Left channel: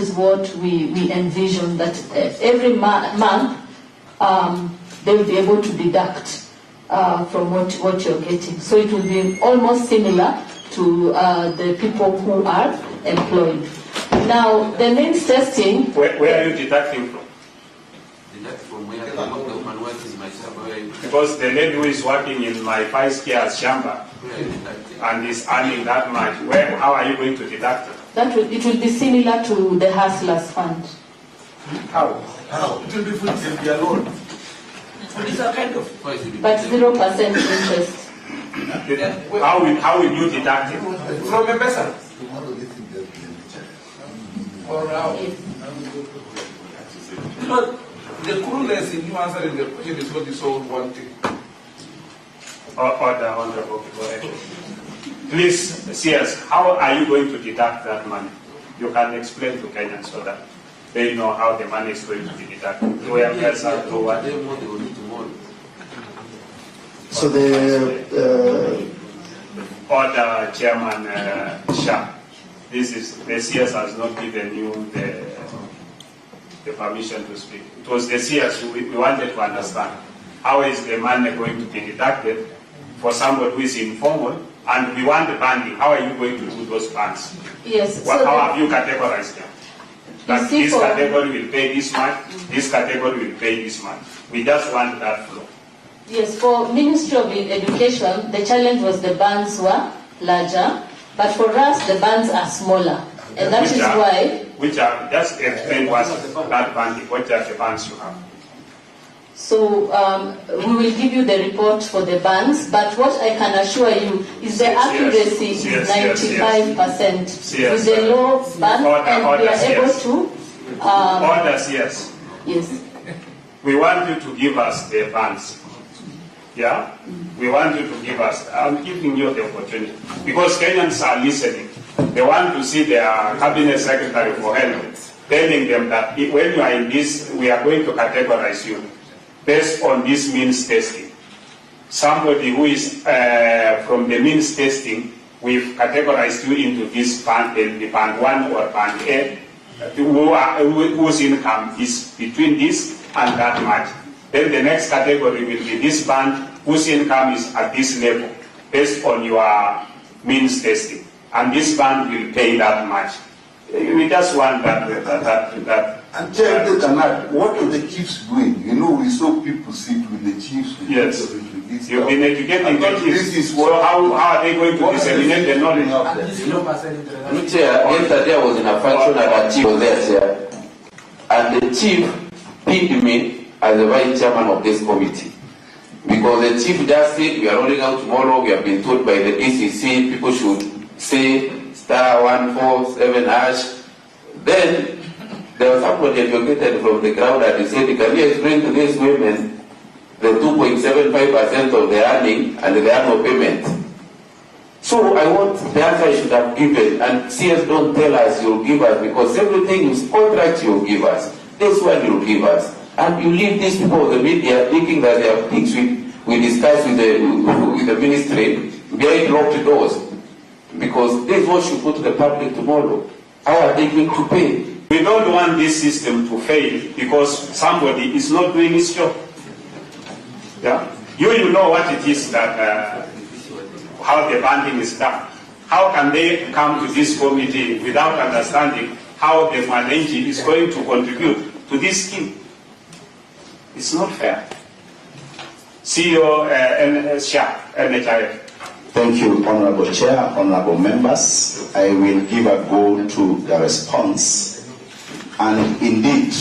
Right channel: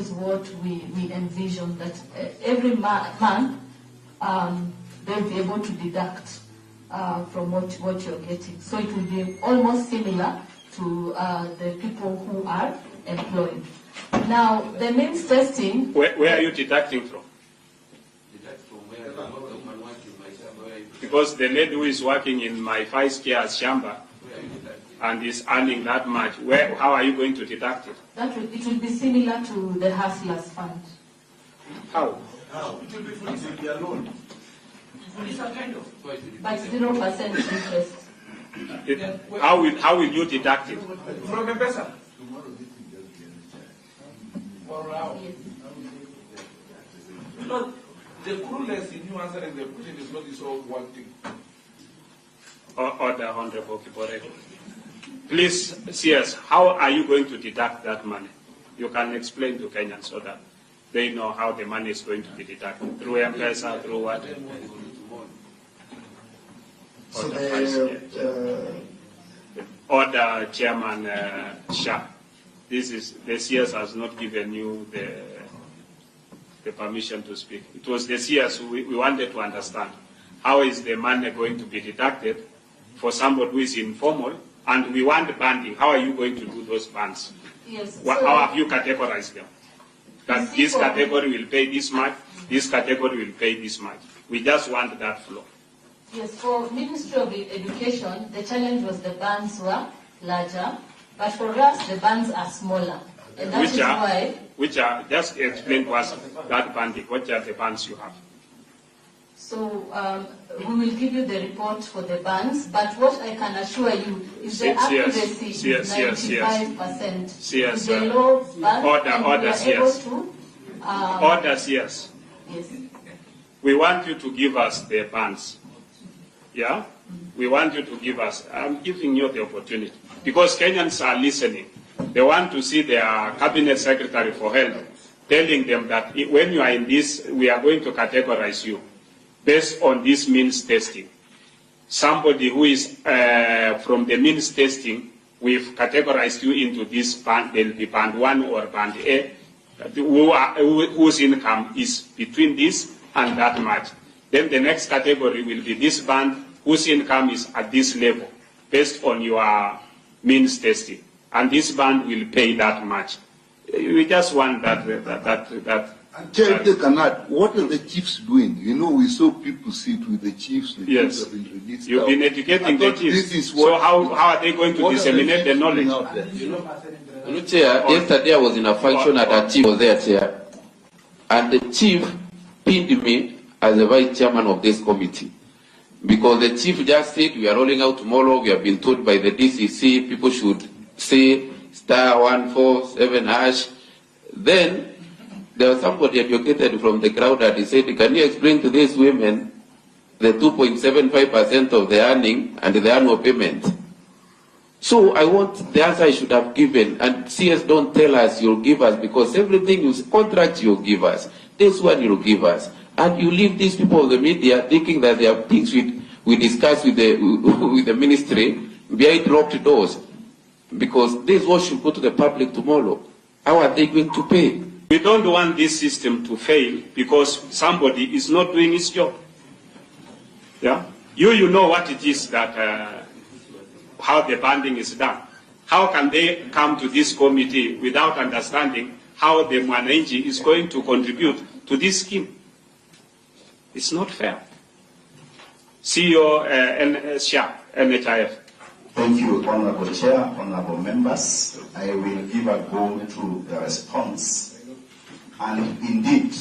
is what we envision, that every month they will be able to deduct from what you're getting. So it will be almost similar to the people who are employed. Now, the means testing... Where are you deducting from? Deduct from where the woman works in my shamba. Because the lady who is working in my 5 years shamba and is earning that much, how are you going to deduct it? It will be similar to the Hustlers Fund. How? It will be fully alone. It's a kind of... But 0% interest. How will you deduct it? From a person. Or now. But the cruelness in you answering the question is not the sole one thing. Order, Honorable. Please, CS, how are you going to deduct that money? You can explain to Kenyans so that they know how the money is going to be deducted. Through M-Pesa, through what? So the Order, Chairman Shah. This is, the CS has not given you the permission to speak. It was the CS we wanted to understand. How is the money going to be deducted for somebody who is informal? And we want the banding. How are you going to do those bands? Yes. How have you categorized them? That this category will pay this much, this category will pay this much. We just want that flow. Yes, for Ministry of Education, the challenge was the bands were larger, but for us, the bands are smaller. And that is why... Which are, just explain what's that banding, what are the bands you have? So we will give you the report for the bands, but what I can assure you is the accuracy is 95%. With the low band, and we are able to... Orders, yes. Yes. We want you to give us the bands. Yeah? We want you to give us, I'm giving you the opportunity. Because Kenyans are listening. They want to see their cabinet secretary for health telling them that when you are in this, we are going to categorize you based on this means testing. Somebody who is from the means testing, we've categorized you into this band, band 1 or band A, whose income is between this and that much. Then the next category will be this band whose income is at this level based on your means testing. And this band will pay that much. We just want that. And Chair, they cannot. What are the chiefs doing? You know, we saw people sit with the chiefs. Yes. You've been educating the chiefs. So how are they going to disseminate the knowledge? Chair, yesterday I was in a function and the chief was there, Chair. And the chief pinned me as the vice chairman of this committee. Because the chief just said, we are rolling out tomorrow, we have been told by the DCC, people should say *147#. Then there was somebody advocated from the crowd and he said, can you explain to these women the 2.75% of the earning and the annual payment? So I want the answer I should have given, and CS don't tell us you'll give us, because everything you contract you'll give us. This one you'll give us. And you leave these people of the media thinking that they have things we discuss with the ministry behind locked doors. Because this is what should go to the public tomorrow. How are they going to pay? We don't want this system to fail because somebody is not doing his job. Yeah? You know what it is that, how the banding is done. How can they come to this committee without understanding how the Mwananchi is going to contribute to this scheme? It's not fair. CEO NHIF. Thank you, Honorable Chair, Honorable Members. I will give a go to the response. And indeed,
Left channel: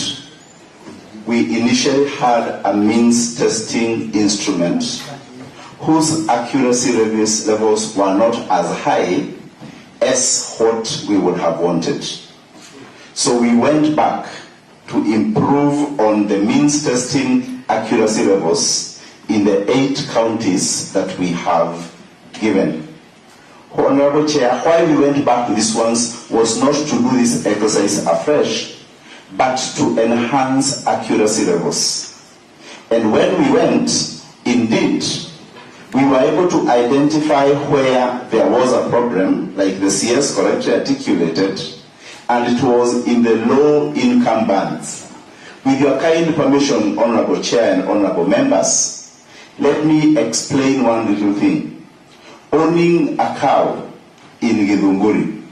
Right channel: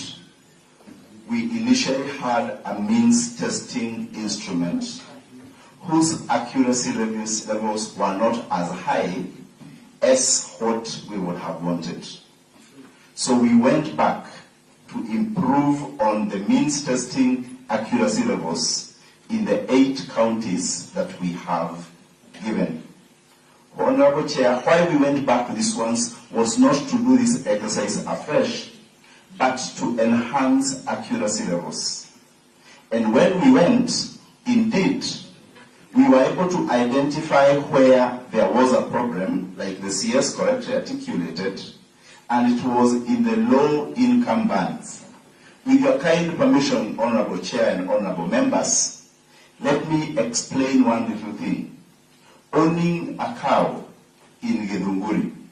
we initially had a means testing instrument whose accuracy levels were not as high as what we would have wanted. So we went back to improve on the means testing accuracy levels in the 8 counties that we have given. Honorable Chair, why we went back to these ones was not to do this exercise afresh, but to enhance accuracy levels. And when we went, indeed, we were able to identify where there was a problem, like the CS correctly articulated, and it was in the low income bands. With your kind permission, Honorable Chair and Honorable Members, let me explain one little thing. Owning a cow in Githunguri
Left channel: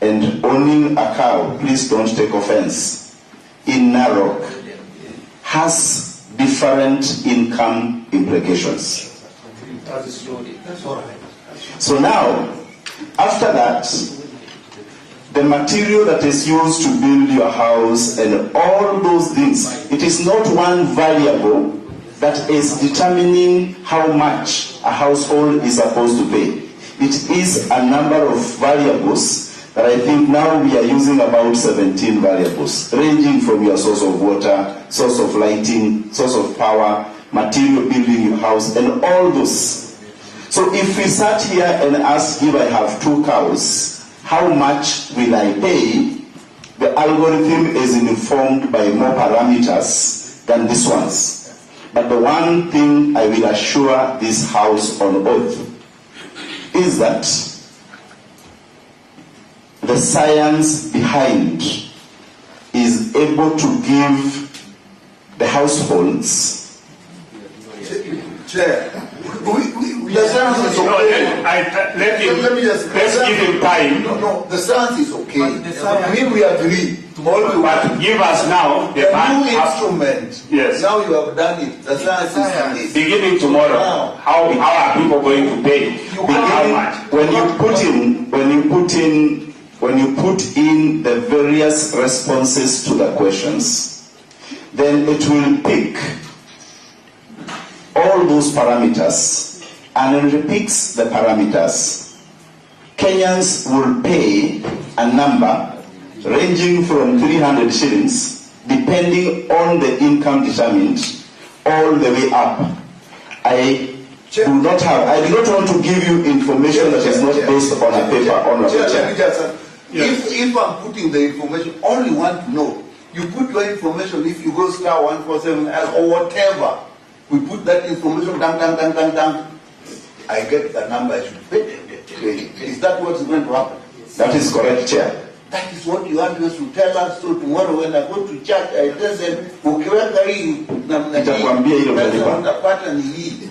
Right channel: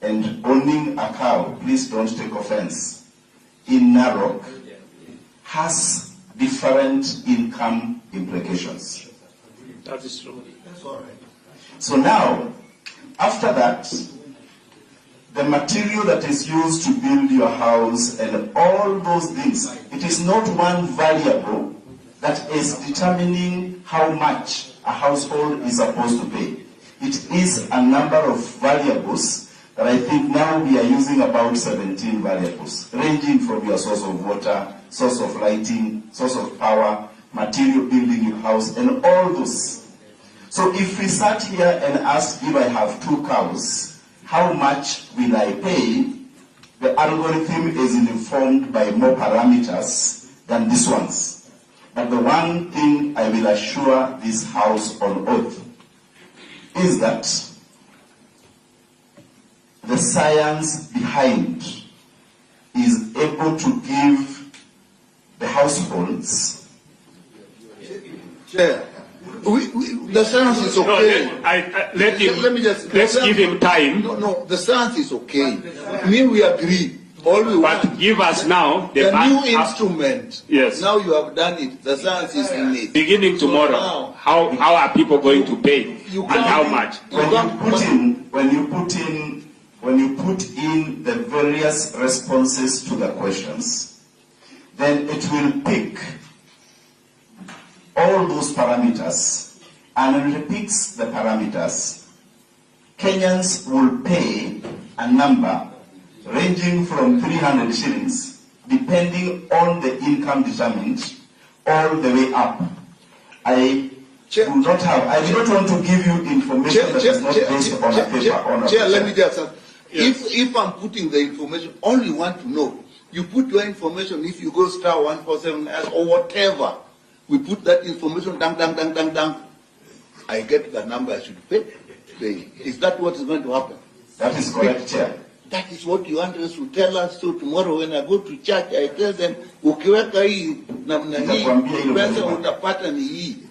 and owning a cow, please don't take offense, in Narok has different income implications. That is true. So now, after that, the material that is used to build your house and all those things, it is not one variable that is determining how much a household is supposed to pay. It is a number of variables that I think now we are using about 17 variables, ranging from your source of water, source of lighting, source of power, material building your house, and all those. So if we sat here and asked, if I have 2 cows, how much will I pay? The algorithm is informed by more parameters than these ones. But the one thing I will assure this House on oath is that the science behind is able to give the households. Chair, the science is okay. Let's give him time. No, the science is okay. We agree. But give us now the new instrument. Yes. Now you have done it. The science is in it. Beginning tomorrow, how are people going to pay? And how much? When you put in the various responses to the questions, then it will pick all those parameters and it repeats the parameters. Kenyans will pay a number ranging from 300 shillings, depending on the income determined, all the way up. I do not want to give you information that is not based on a paper. If I'm putting the information, only want to know. You put your information, if you go star 147 or whatever, we put that information down. I get the number I should pay. Is that what's going to happen? That is correct, Chair. That is what you want us to tell us. So tomorrow when I go to church, I listen, ukiweka hii namna hii, pesa utapata ni hii.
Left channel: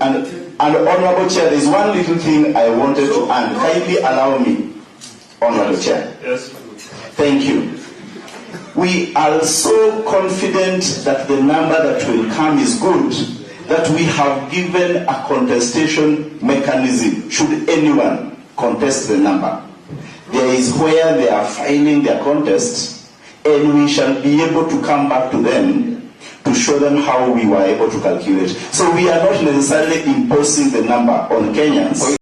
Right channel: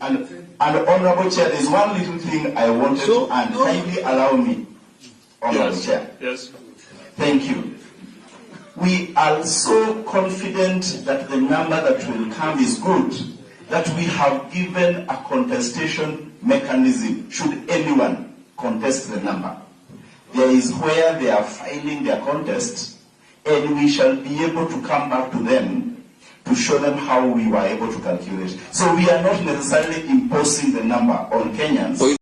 And Honorable Chair, there is one little thing I wanted to add. Kindly allow me, Honorable Chair. Yes. Thank you. We are so confident that the number that will come is good, that we have given a contestation mechanism should anyone contest the number. There is where they are filing their contest, and we shall be able to come back to them to show them how we were able to calculate. So we are not necessarily imposing the number on Kenyans.